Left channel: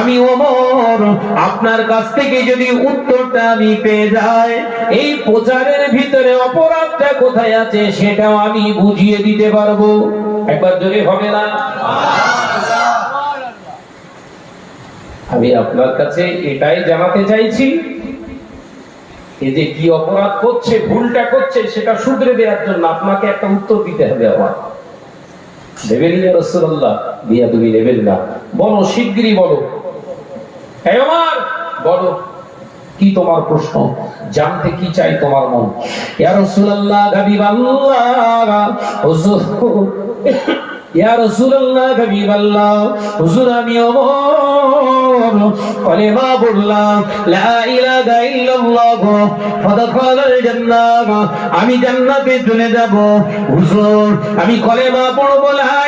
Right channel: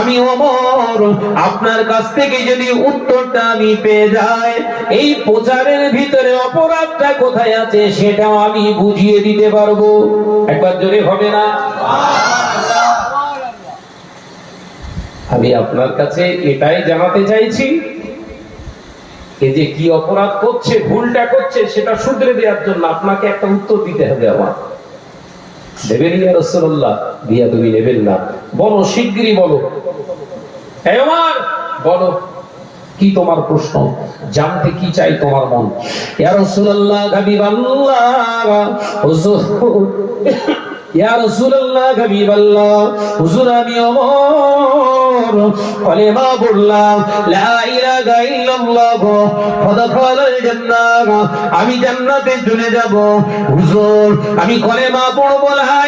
আমি ওমর, আপনার কাছ থেকে যদি উত্তরটা আমি পেয়ে যাই, এই প্রচারের ভিতরে অপরাধটা কোথায় আছে সেটাও আমি বুঝিয়ে দিতে পারব। একবার জোরে হবে না? আমি আপনার কাছে এটাই জানাতে চাইছি, এ যে কি অপরাধ করছে, ভুলটা করছে, সেটা শুধরে দেওয়ার জন্য আপনাকে একটা উত্তর দিতে হবে আমার। দেবেন রাসূলুল্লাহ? দিয়া তুমি নেবেন না। বলো, শিগগিরই বলো। বলো, কি তোমার প্রশ্ন? জানতে কি চাই তোমার মন? আমি ওমর। চলে যাব। হুজুর, আমি কলেমা পড়ব লা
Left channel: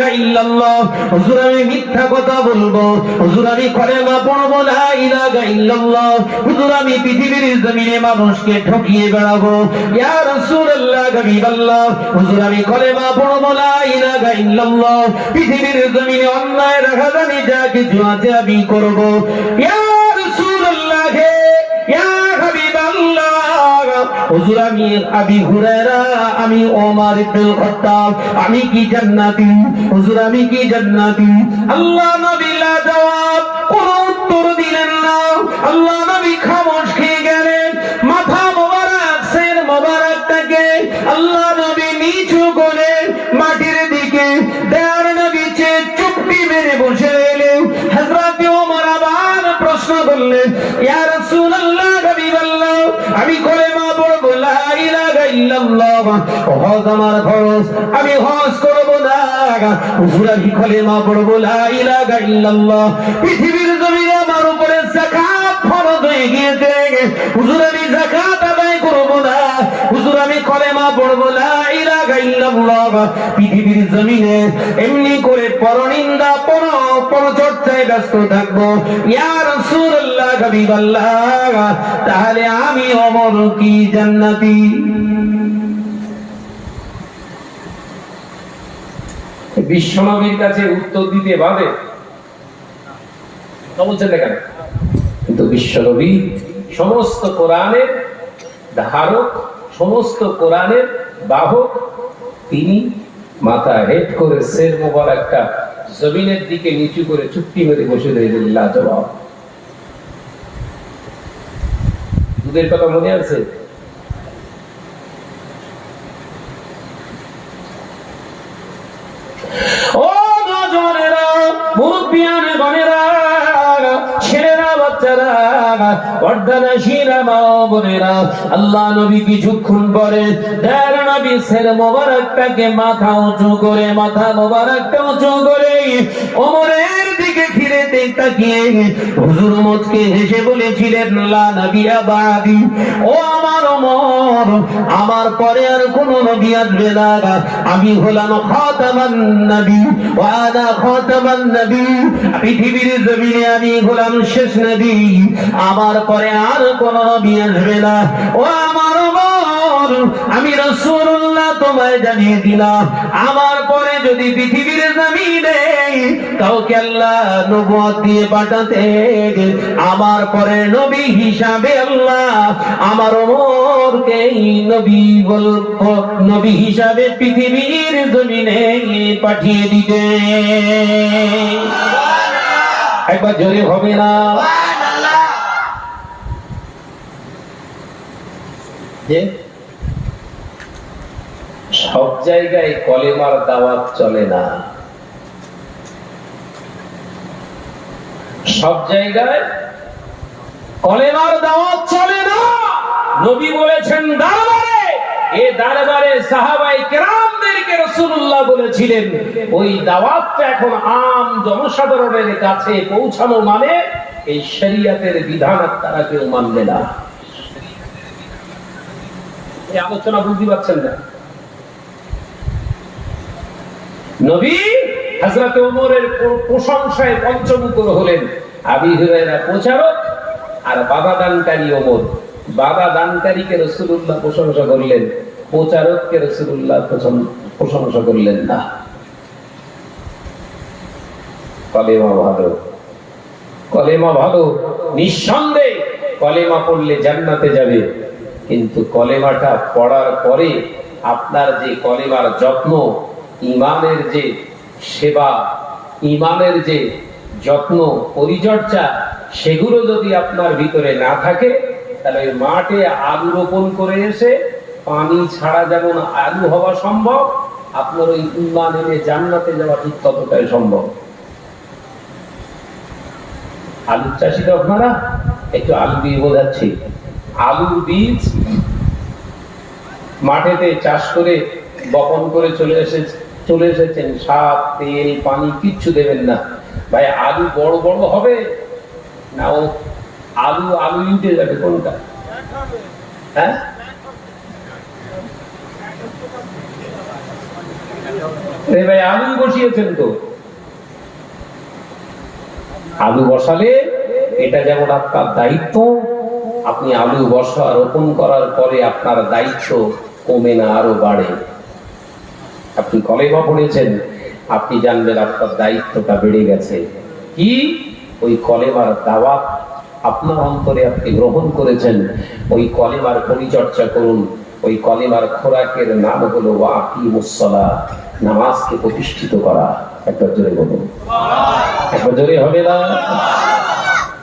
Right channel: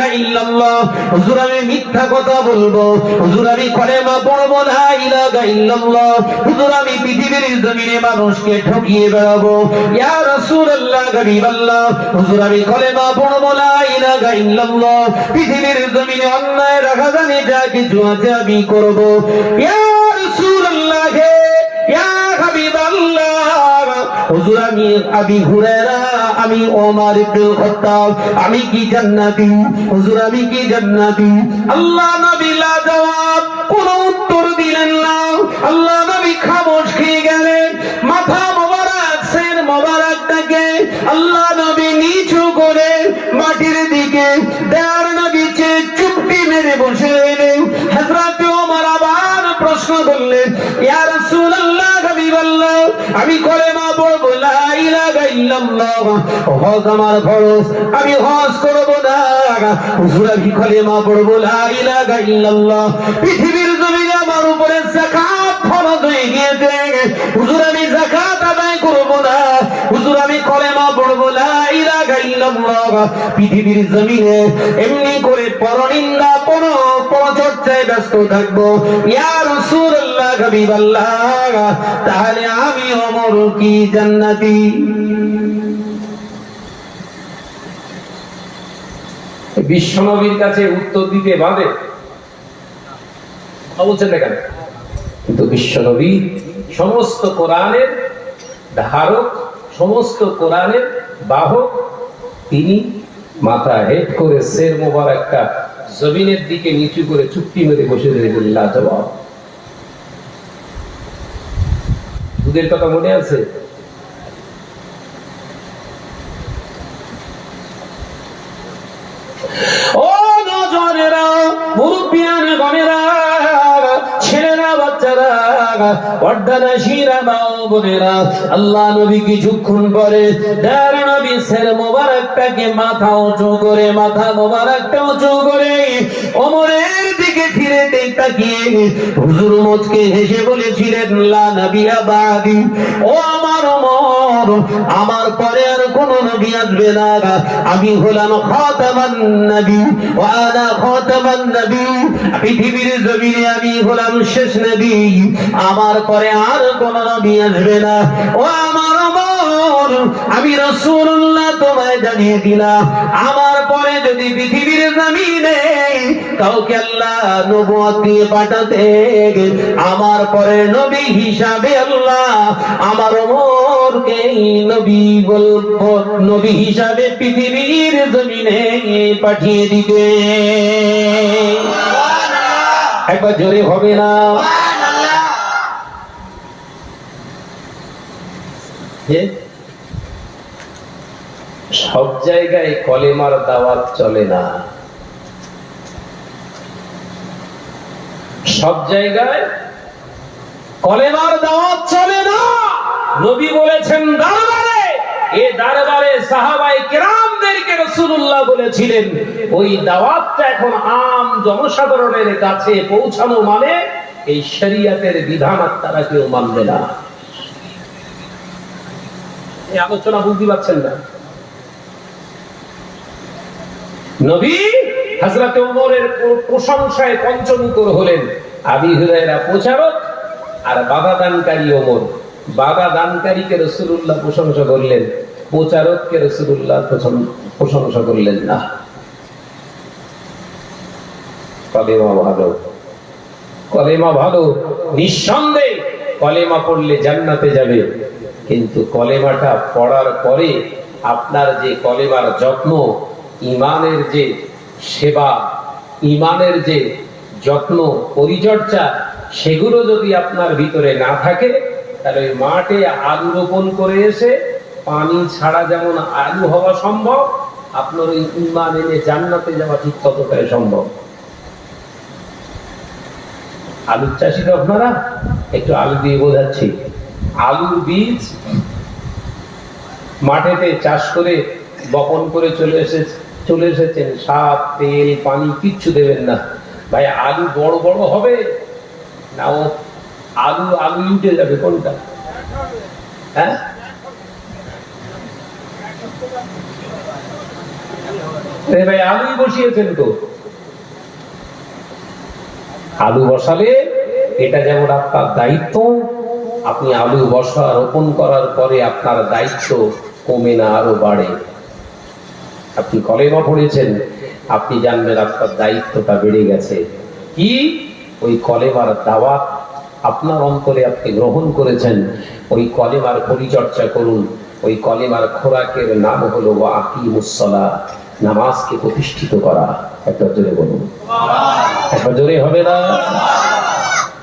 ইলাহা মানুষকে ঠকিয়ে বেড়াবো। ইয়া রাসূলুল্লাহ গরিবাল্লাহ হুজুর, আমি কলেমা পৃথিবীর জমিনে অন্যায় রাখা জানি যা কিছু আছে, আমি করব। ইয়া আমি আবি আমি ইবনুল খাত্তাব, আমি কি জান্নাতি? হুজুর, আমি কি জান্নাতি? আল্লাহ নবী জবাব কোন উত্তর দিলেন হজ আমার খরচ আমি হজ করব না। হুজুর আমি কলেমা পড়ব? লা ইলাহা ইল্লাল্লাহ। পৃথিবীর জমিনে আমার উপরে যাকাত ফরজ হয়ে গিয়েছে। হুজুর আমি যাকাত আদায় করব না। হুজুর, আমি কলেমা পড়ব। লা ইলাহা ইল্লাল্লাহ। পৃথিবীর জমিনে এমনি করে পরনিন্দা, পর পরচর্চায় ব্যস্ত থাকব। ইয়া রাসূলুল্লাহ হাবিবাল্লাহ, তাহলে আমি অমর কি জান্নাতি? বিশ্বনবীর কাছে উত্তর দিতে বাদে কিন্তু বিশ্বনবী সমস্ত কোরআনের ধারক, সমস্ত কোরআনের বাহক, তিনি মাথা হেড করে শের মোবারকটা জমিনের দিকে নিচু করে চুক্তি মেরে বসে দিলেন কথা মনে আছে ও নজরেরা মুরব্বিয়ান গনেরা ছেলেরা বাচ্চারা পর্দানা মা বোনেরা, আল্লাহ নবী কিছুক্ষণ পরে মোবারকটাকে মাথা উঁচু করে, মাথা মোবারকটা উঁচু করে ওমরের দিকে ফিরে তাকিয়ে হুজুর মুচকে হেসে বলেছিলেন ও আমার আমার পরে আর কোন নবী আসবে না। আমি হলাম খাতামান নবী ওয়া আনা খাতামান নবী। পৃথিবীর জমিনে আমি হলাম শেষ নবী। আমার পরে আর কোন নবী আসবে না। ও আমার ওমর আমি রাসূলুল্লাহ তোমায় জানিয়ে দিলাম। আমার পরে যদি পৃথিবীর জমিনে কাউকে আল্লাহ নবুয়ত দিয়ে পাঠাতে, আমার পরে নবী হিসাবে আল্লাহ আমার নবী নবী হিসাবে পৃথিবীর জমিনে পাঠিয়ে দিতে। একবার জোরে হবে না? সব জায়গায় কলেমার দাওয়াত চলে না। সব জায়গায় কলেমার দাওয়াত চলে নবী বলেছেন দরবারে, এ দরবারে সাহাবাই কেরামদেরকে রাসূলুল্লাহ বলেছিলেন, ওই দাওয়াতটা এখন আম জনসাধারণের কাছে পৌঁছানো মানে এই শরীয়তের বিধান তারা কেউ মানবে না। এই আলোচনা বুঝতে পারছেন না? নবী হযরত ওমরের প্রশংসায় পঞ্চমুখর হলেন, আবি হুরায়রা প্রচারক আর বাধা দানকারী ওমর। বাধা দানকারীকে রাসূলুল্লাহ প্রশংসা করলেন, প্রচারককে রাসূলুল্লাহ প্রশং- প্রশংসা করলেন না। কলেমা ভালো। কলেমা ভালো, নিঃসন্দেহে কলেমা পড়লে জান্নাতে যাবে। কিন্তু কলেমাটা পড়ার পরে আপনার যে কলেমার যত্ন, ইমানের যে সেবা, ইমানের যে যত্ন, পরিচর্যা, সেগুলো যদি আপনার ভিতরে না থাকে তাহলে মাঠে আলু রোপণ করে এসে পানি ছাড়া যেমন আলু হওয়া সম্ভব, আপনার ওই ইমান এনে জান্নাতে যাওয়া ঠিক ততটাই সম্ভব। আলুর চাষি তো আপনারা, একটু আলু দিয়ে বোঝাচ্ছি। আলুর বীজ মাঠেতে চাষ করে বপন করে চলে এসে চলে এসেছেন। সার, তেল, পানি কিচ্ছু দেবেন না। ভাই, আলু বড় বড় হবে না ও আলু আলু উঠে যাবে কোনটা? হ্যাঁ? ভাই, আলু বসিয়েছেন তো। আলু বসালে এটা যেমন আপনার দায়িত্ব, আপনি আলু বসা রোপণ করার পরে আপনার দায়িত্ব কমে না, আরও বাড়ে। আপনি কলেমা পড়েছেন, আপনি জানবেন আপনার দায়িত্বটা বেড়ে গেছে। কি? ওই কলেমার দাওয়া আপনার অন্তরে আপনি গ্রহণ করেছেন, ওই কলেমার পরিচর্যা করুন। ওই কলেমার খোরাকের নাম হলো ওয়াকিমুসসালা নামাজকে প্রতিষ্ঠিত করা। একবার জোরে বলুন। একবার জোরে হবে না?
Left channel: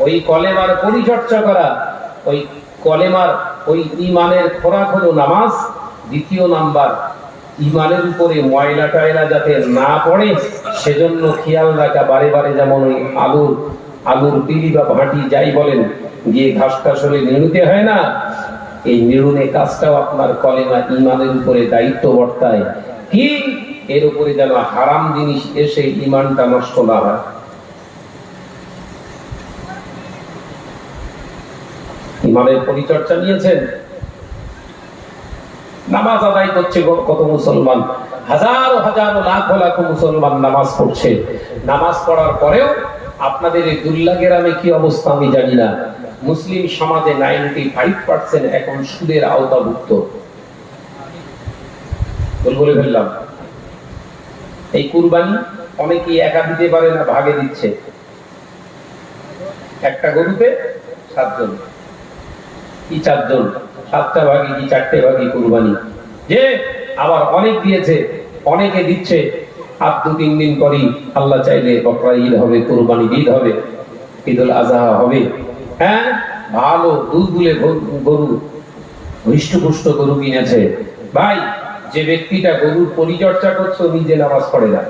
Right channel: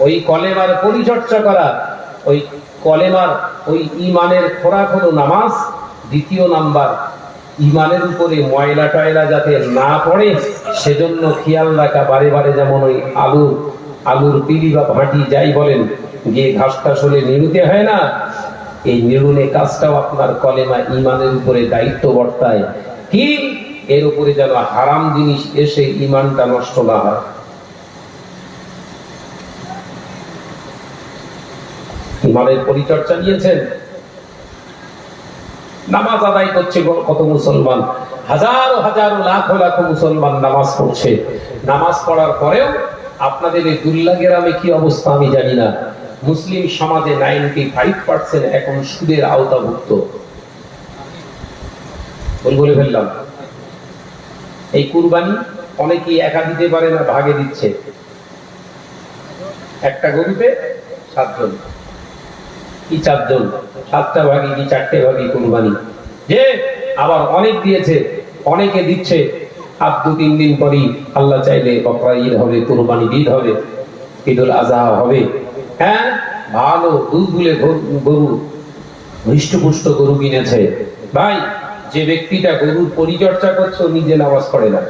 ওই কলেমার পরিচর্যা করা, ওই কলেমার, ওই ইমানের খোরাক হলো নামাজ। দ্বিতীয় নাম্বার ইমানের উপরে ময়লা টয়লা যাতে না পড়ে, সেজন্য খেয়াল রাখা বারে বারে যেমন ওই আলুর আলুর পিড়ি বা ভাটি যাই বলেন, গিয়ে ঘাস টাস হলে নিড়ুতে হয় না। এই নিড়ুনে কাজটাও আপনার কলেমা ইমানের উপরে দায়িত্ব বর্তায়। কি? এর উপরে যেন হারাম জিনিস এসে ইমানটা নষ্ট না হয়। ইমানের পরিচর্যা নিয়েছেন। নামাজ আদায় করছে কত মুসলমান। হাজারো হাজারো লাখ লাখ মুসলমান নামাজ পড়ছে। নামাজ পড়ার পরেও আপনাদের এই দুল্লা গ্রামে কি অবস্থা আমি জানি না। মুসলিম সমাজে নাইনটি ফাইভ পার্সেন্ট এখন সুদের আওতাভুক্ত। বলে ফেললাম। এই কুরবানি অনেকেই একা দিতে পারে না, ভাগে দিচ্ছে। একটা গরুতে সাতজন। কি চারজন? সাতটা ভাগে কি চারটে ভাগে কুরবানি? যে আবার অনেক দিয়েছে, অনেকে দিচ্ছে। আর দু তিন দিন পরই আল্লাহ চাইলে বকরা ঈদ হবে, কোরবানি ঈদ হবে, ঈদুল আজহা হবে। হ্যাঁ ভালো দুধ গরু হৃষ্টপুষ্ট গরু কিনেছে। ভাই, যে ব্যক্তিটা গরুর পরিচর্যা করছে, ও নিজে নামাজ পড়ে না।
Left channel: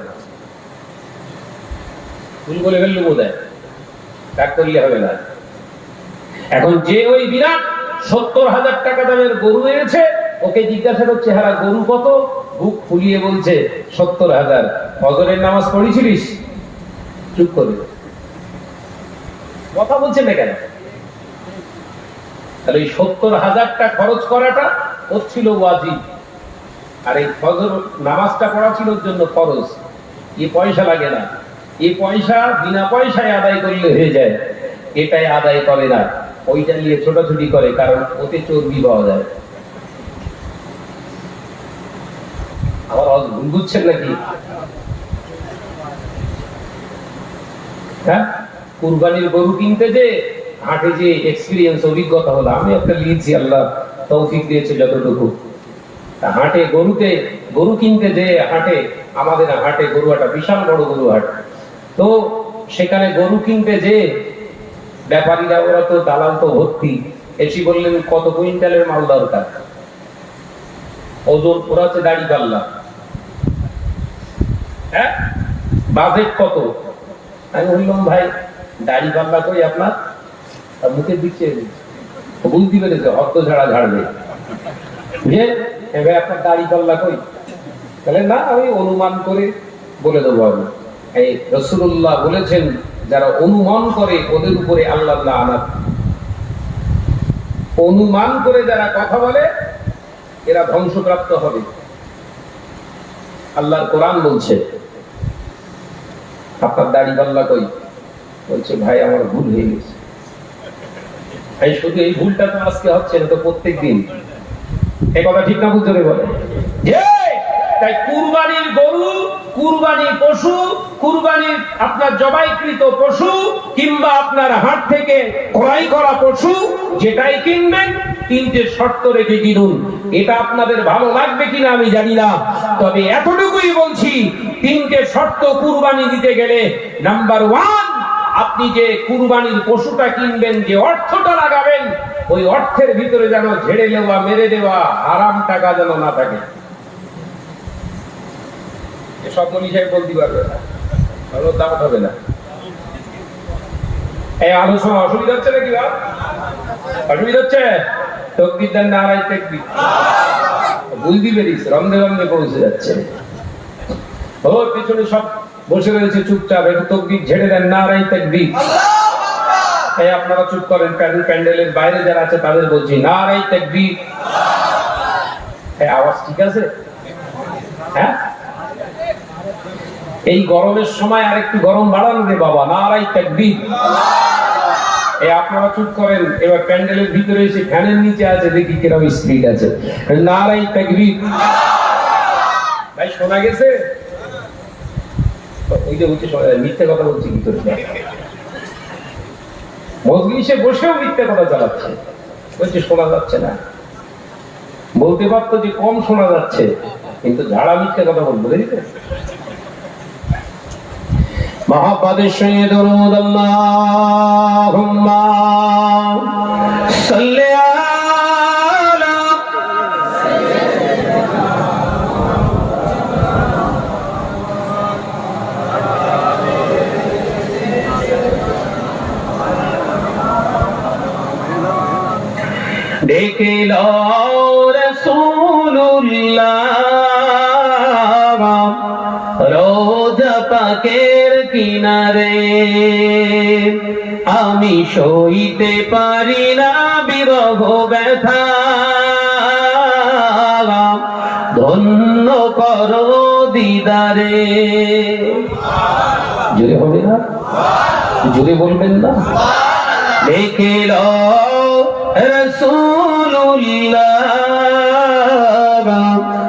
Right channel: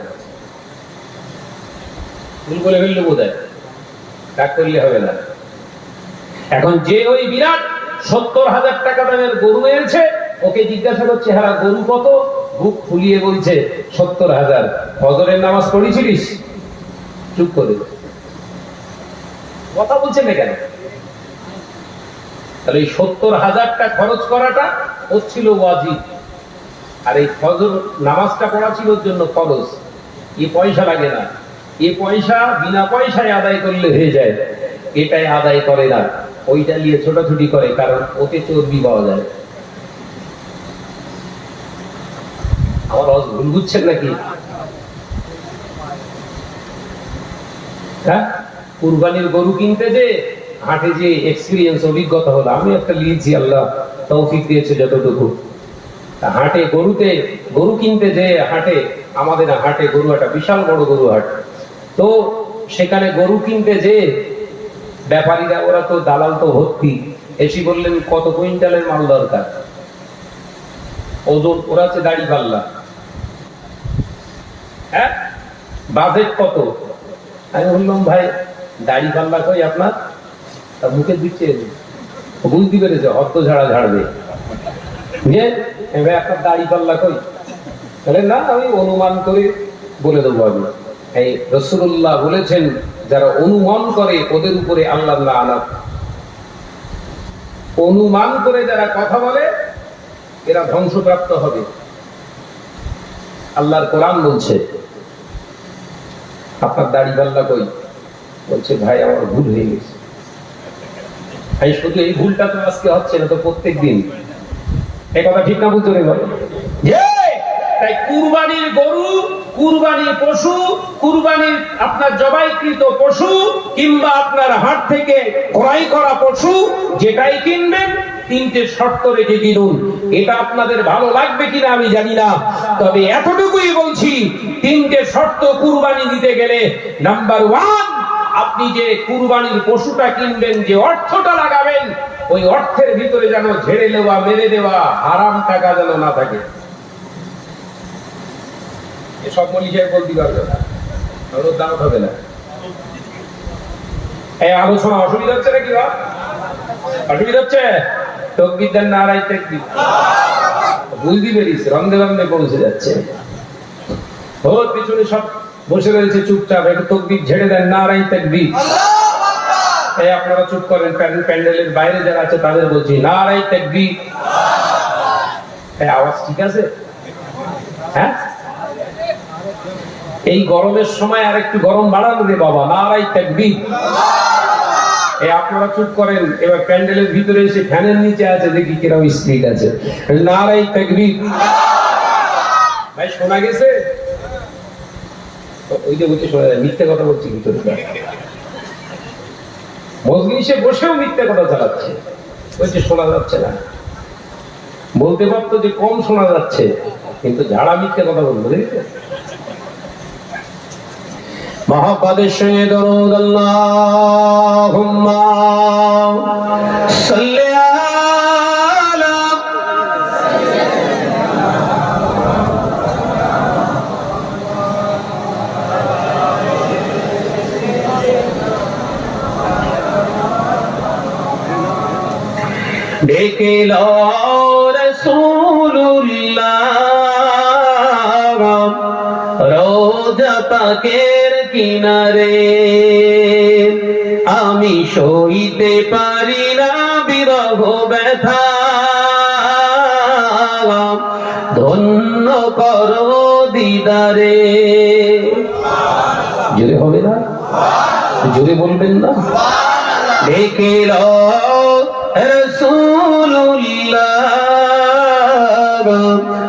ভুল করে ফেললে বোধ হয় করলে হবে না। এখন যে ওই বিরাট সত্তর হাজার টাকা দামের গরু এনেছে, ওকে জিজ্ঞাসা করছে হ্যাঁ গরু কত? বুক ফুলিয়ে বলছে, সত্তর হাজার। ফজরের নামাজ পড়েছিলিস? চুপ করে। কথা বলছেন না কেন? তাহলে এই সত্তর হাজারটা খরচ করাটা হচ্ছিল ওয়াজিব। আর এই ফজর নামাজটা পড়া ছিল জন্য খরচ এ পয়সা লাগে না। এ পয়সা বিনা পয়সায় আদায় করলে হয়ে যায়। এটাই আদায় করে না। ওইটা নিয়ে ছোটাছুটি করে, কারণ ওতে চর্বি পাওয়া যায়। আওয়াজ ভুল বুঝছেন নাকি? হ্যাঁ? কুরবানির গরু কিনতে যে হাটে যে এক্সপিরিয়েন্স অভিজ্ঞতা হলো, আমি একটা লিখছি, আল্লাহ তৌফিক দিয়েছে যতটুকু। হাটে গরুতে, গরু কিনতে যে হাটে, আমাদের হাটে গরু একটা বিশাল বড় গরু হাট। তো সেখানে গরু কিনতে যে ব্যাপারীরা, ওরা তো দালাল তো ভর্তি। এসি বললেন, কত কুইন্টালের মাল দরকার? ওজন, ওরা হচ্ছে দাড়ি পাল্লা। হ্যাঁ? বাজেট কত? আমি বললাম, ভাই, দাড়ি পাল্লা কই আপনার? মুখে দিচ্ছে। বুঝতে পেরেছে ঝাড়া ঝাড়বে। যে এবার আপনার দাড়ি পাল্লা কই? তাহলে না, আমি অনুমান করে বলে দেবো আমি। এই রসুল্লাহ বলেছেন, যারা অনুমান করে, ওদের উপরে আল্লাহ আনাত অনুমান করে যারা কথা বলে, এরা ধ্বংসপ্রাপ্ত হবে। আল্লাহর কোরআন বলছে আপনার দাড়ি পাল্লা কই? বলছে, ভাই, আমার ভুল হয়ে গেছে। এই শুধু এই ভুলটা তো আজকে হচ্ছে না তো প্রত্যেক দিন এই কথা ঠিক না বুঝতে বলে। তাই কুরবানির গরু, কুরবানির পশু, কুরবানির আপনার জবাইকৃত পশু কিংবা আপনার হাট থেকে ক্রয় করা পশু, যেটাই কিনবেন তিনটে শর্ত রেখে কিনুন। এটা আপনাদের ভালো লাগবে কিনা আমি জানি না। তবে এতটুকুই বলছি, তিনটে শর্ত কুরবানি দিতে গেলে নাম্বার ওয়ান আপনি যে কুরবানির পশুটা কিনবেন, যে অর্থটা লাগাবেন, ওই অর্থের ভিতরে যেন ঝেড়ে দেওয়া, মেরে দেওয়া আরাম টাকা যেন না থাকে। এ সব মলি সাহেব বলতে পারবে না। কারণ দাম হবে না। এই আলোচনা অসুবিধা হচ্ছে নাকি অসুবিধা হচ্ছে? না আড়াই বুঝতে পেরিস পৌঁছে যাচ্ছে। পিছনে সব বসে রয়েছে চুপচাপ, একটু তকবির ঝেড়ে দেন না আড়াই এই আপনারা চুপ করেন প্যান্ডেলের বাইরে যারা আছে তাদের বলছি না আড়াই আওয়াজ ঠিক আছে? হ্যাঁ? এই গরমের সময় আর একটু গরম বাড়ানো রে বাবা নারাই তাকবীর। আপনারা চুপ করেন, এবার প্যান্ডেলের ভিতরে এসে ফ্যানের নিচে আছে, দেখি কীরকম স্পিড আছে। নারাই তাকবীর। ভাই, শোনা গেছে? বলছি, শোনা যায়, মিথ্যে কথা বলছি করে? মজলিসে বসেও মিথ্যে কথা চালাচ্ছে। বলছে, শোনা যাচ্ছে না। বলতে পারতো যে কম শোনা যাচ্ছে, কিন্তু ঝাড়া মিথ্যে কথা বলব দেখেছে আলা ডেকে রোজা পাকের কিনারে। আমি সইতে পারি না বিরহ ব্যথা। ধন্য কর দিদারে। জোরে হবে না? জোরে বলবেন না? দেখে রসুল্লাহ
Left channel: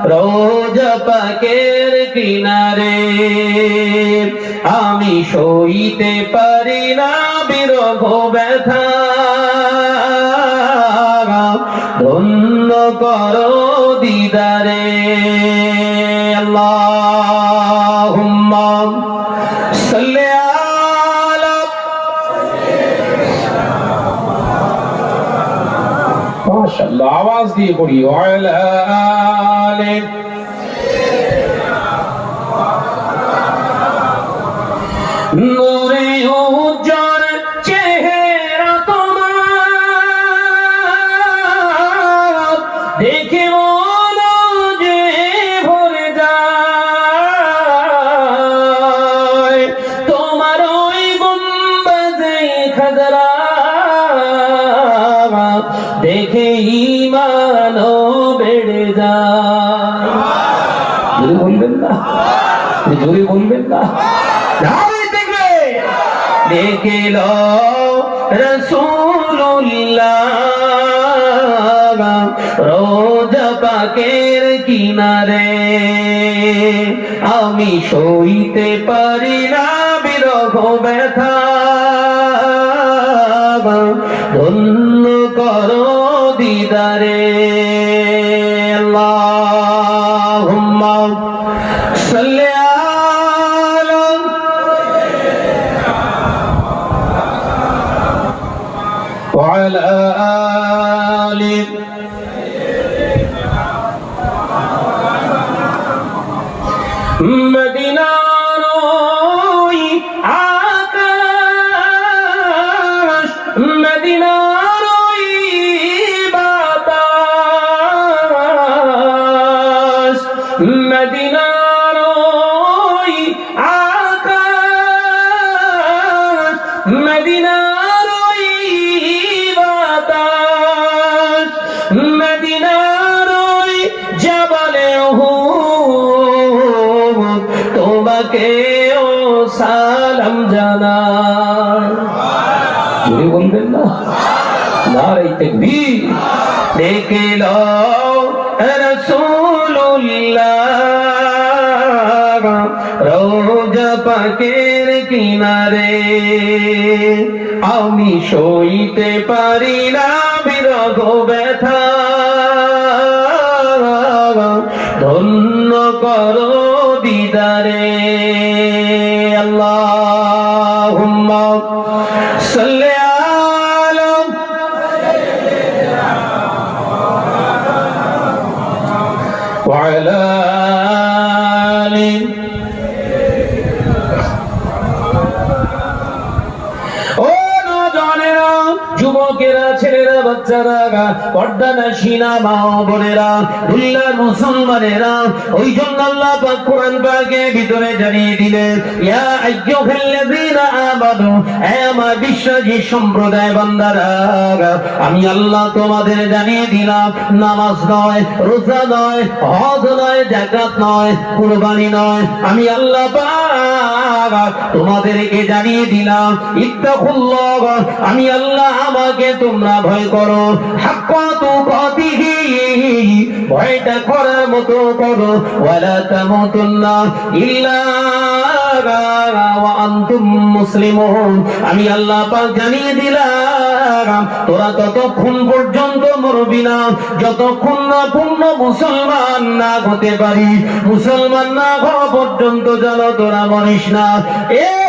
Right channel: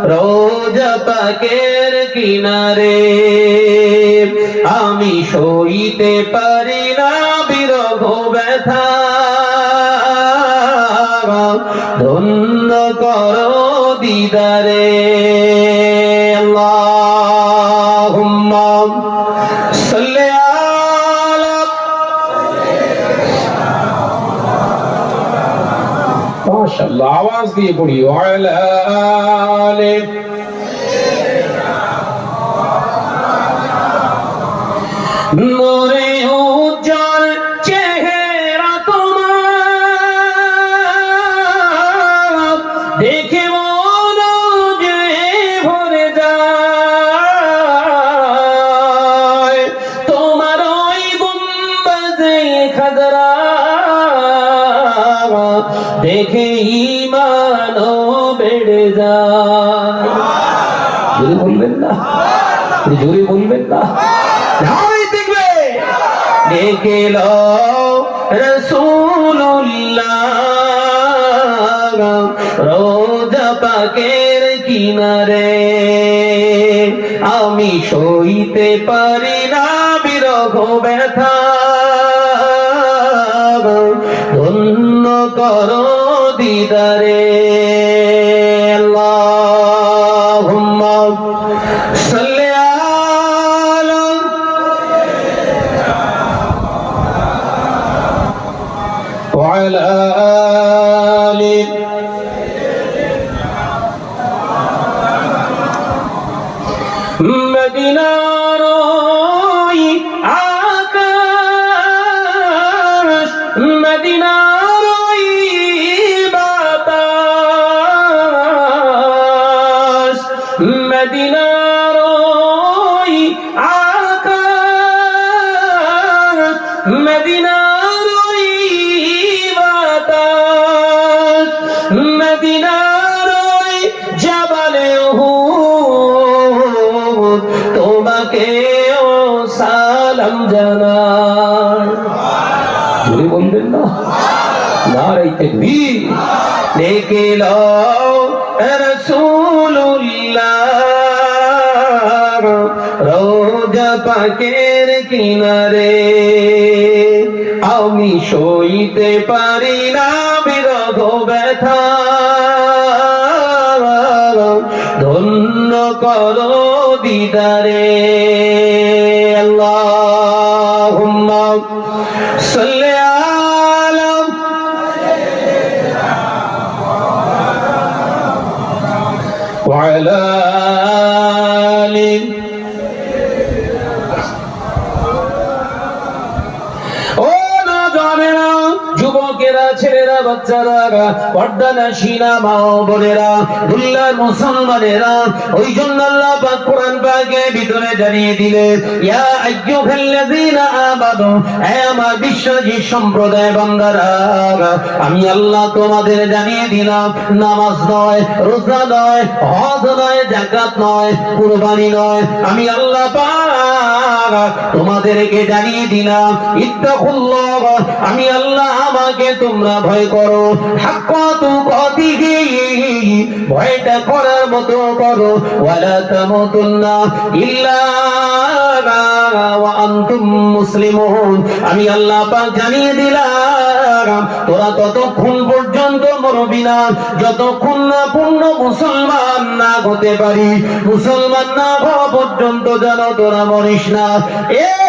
রোজা পাকের কিনারে। আমি সইতে পারি না বিরহ ব্যথা। ধন্য করো দিদারে। আওয়াজ দিয়ে পড়ি আলে জোরে বলবেন না। ধারাই দেখবে। দেখে লো রসুল্লাহ রোজা পাকের কিনারে। আমি সইতে পারি না বিরহ মদিনার রাসূলুল্লাহ রোজা পাকের কিনারে। আমি সইতে পারি না বিরহ ব্যথা। ধন্য করো যুবকেরা, ছেলেরা, বাচ্চারা পর্দানা সিনা মা, বোনেরা দুল্লার মুসলমানেরা, ওই জন্য আল্লাহ পাক কোরআন পাকের ভিতরে জানিয়ে দিলেন, ইয়া আমানু আমার বিশ্বাসী সম্প্রদায় বান্দারা আমি আল্লাহ তোমাদের জানিয়ে দিলাম, নামাজ নয়, রোজা নয়, হজ নয় জাকাত নয়, কুরবানি নয়, আমি আল্লাহ পাক তোমাদেরকে জানিয়ে দিলাম, ইত্তাকুল্লাহ, আমি আল্লাহ আমাকে তোমরা ভয় করো। ভয়টা করার মতো করো। ওয়ালা ইল্লা আমি আল্লাহ পাক জানিয়ে দিলাম, তোরা ততক্ষণ পর্যন্ত মরবি না। যতক্ষণ না পূর্ণ মুসলমান না হতে পারি, মুসলমান না হওয়া পর্যন্ত যেন তোরা মরিস না। এ নজওয়ানেরা যুবকেরা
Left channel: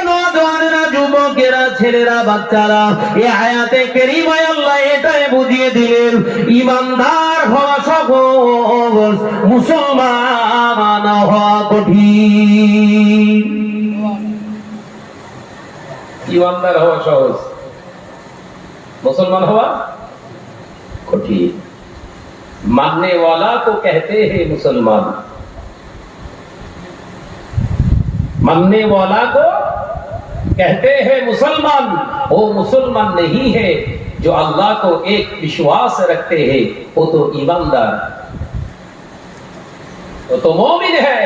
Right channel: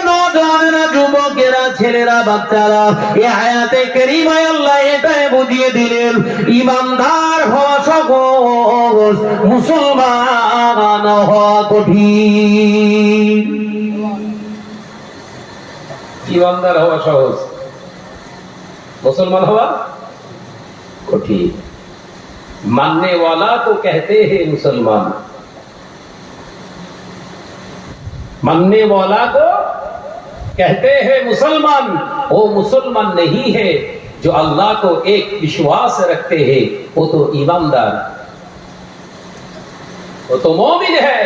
ছেলেরা বাচ্চারা এ আয়াতে কেরিমায় আল্লাহ এটাই বুঝিয়ে দিলেন ইমানদার হওয়া সহজ মুসলমান হওয়া কঠিন ইমানদার হওয়া সহজ मुसलमान हुआ कठिन मानने वाला तो कहते हैं मुसलमान मानने वाला को कहते हैं, मुसलमान वो मुसलमान नहीं है जो अल्लाह को एक विश्वास रखते हैं, वो तो ईमानदार वो तो मोमिन है,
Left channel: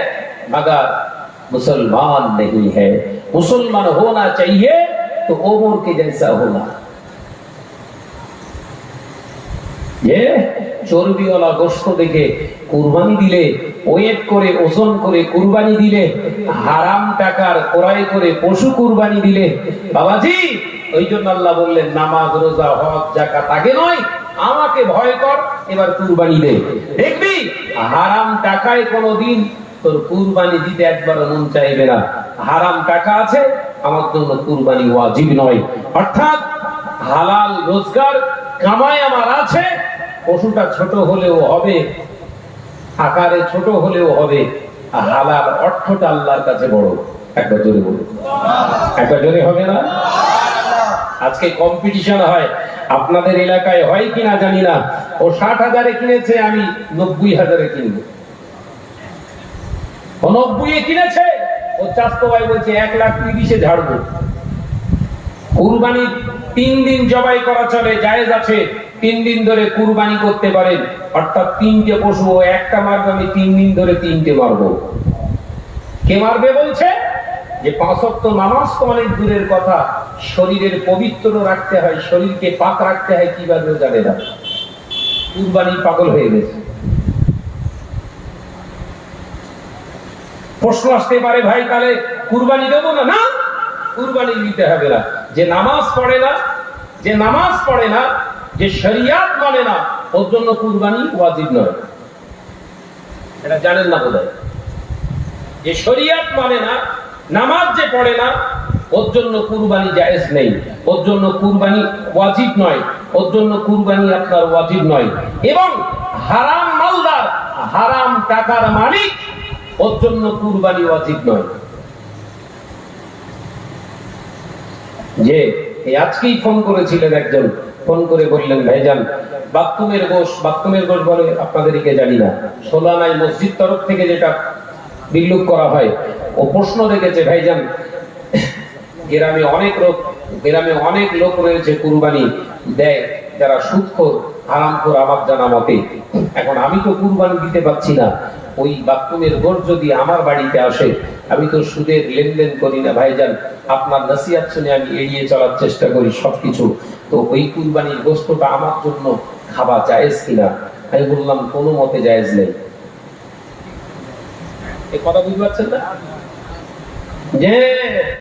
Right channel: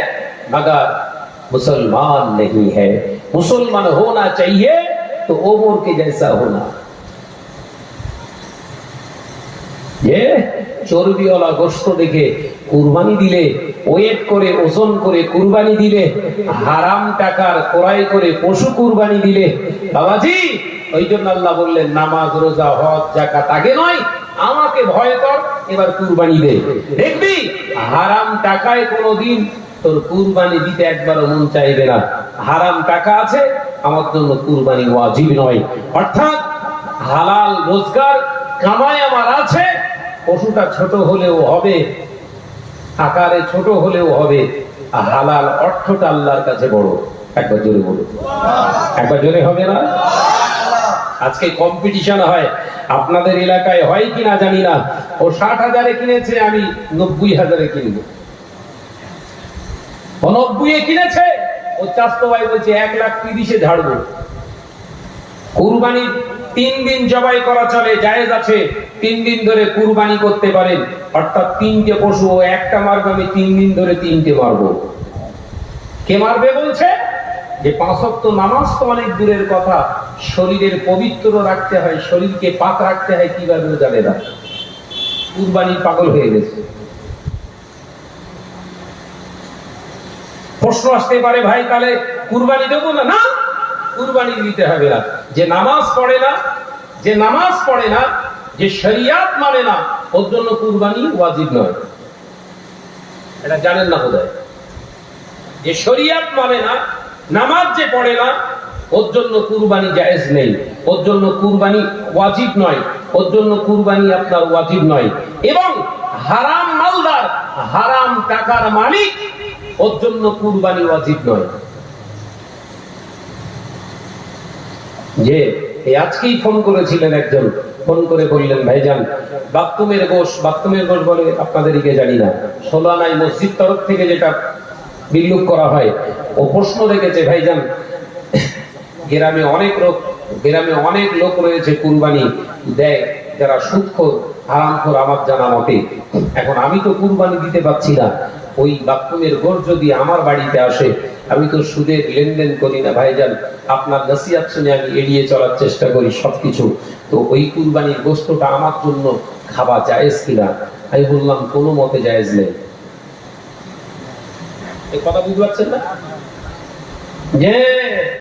मगर मुसलमान नहीं है। मुसलमान होना चाहिए तो ओमर के जैसा होना। ये चोरबी वाला गोश्त देखे, कुर्बानी दिले ওয়েট করে, ওজন করে কুরবানি দিলে, হারাম টাকার ক্রয় করে পশু কুরবানি দিলে, বাবাজি ওই জন্য আল্লাহ বললেন, নামাজ, রোজা, হজ জাকাত আগে নয়, আমাকে ভয় কর, এবার কুরবানি দে। দেখবি, হারাম টাকায় কোনোদিন তোর কুরবানি দিতে একবার মন চাইবে না। হারাম টাকা আছে, আমার জন্য কুরবানি ওয়াজিব নয়। অর্থাৎ, হালাল রোজগার কামাই আমার আছে, পশুটা ছোট হলেও হবে আকারে ছোট হলেও হবে। হালাল অর্থটা আল্লাহর কাছে বড়। একবার জোরে বলো একবার জোরে হবে না? আজকে কম্পিটিশন হয়। আপনাদের এলাকায় হয় কি না জানি না। ও ষাট হাজারে কিনেছে, আমি নব্বই হাজারে কিনবো। নব্বই কিনেছে, ও চাস্তো ভাই বলছে, এক লাখ তিরিশে ঝাড়বো। কুরবানি তিন দিন জবাই করা চলে, জায়েজ আছে। তিন দিন ধরে কুরবানি করতে পারেন। অর্থাৎ তিনটে পশু একটা মারবে আমি তিন দিন ধরে তিনটে মারবো। কে মারবে বলছে? যে পাঁচক্ত নামাজ তো অনেক দূরের কথা। শরীরের পবিত্র রাখতে হয়, শরীরকে পাক রাখতে হয়, কীভাবে জানে না। কুরবানি পাগল হয়ে গেছে। প্রশ্ন আসতে পারে ভাই, তাহলে কুরবানি দেবো না? না, কুরবানি দিতে হবে না। যে নামাজ পড়ে না, যে নামাজ পড়ে না যে শরিয়াত মানে না, ওর জন্য কুরবানি ওয়াজিব নয়। এটা জানেন না বোধহয়। যে শরিয়াত মানে না, নামাজ যে পড়ে না, ওর জন্য কুরবানি জায়েজ নেই। ওর জন্য কুরবানি ওয়াজিব নয়। ওর জন্য কুরবানি আপনার ওয়াজিব নয়। এবং হারাম মালদার, হারাম টাকার মালিক ওর জন্য কুরবানি ওয়াজিব নয়। যে আজকেই ফোন করেছিলেন একজন। ফোন করে বললেন, ভাইজান, বাথরুমের গোশ বাথরুমের গোশ বলে আপনাদের দিকে জানি না। সোলানাই মসজিদ তরফ থেকে যেটা বিল্লুপ করা হয়, ও প্রশ্ন রেখেছে, ভাইজান, গ্রামে অনেক লোক, গ্রামে অনেক লোক রয়েছে, কুরবানি দেয়, যারা সূক্ষ্ম হারামখোর আমার জানা মতে এখন আমি তো কুরবানি দিতে পারছি না। ওই বাথরুমের ঘর যদি আমার বাড়িতে আসে। আমি তো সুদের লেনদেন করি না, ভাইজান। আপনার নসিহাত শুনে আমি এড়িয়ে চলার চেষ্টা করি সবকিছু। তো ওই কুরবানির গোস্তটা আমার জন্য খাওয়া জায়েজ কিনা? আমি বললাম, কোনো মতে জায়েজ নেই। এই কথা বুঝতে পারছেন না? যে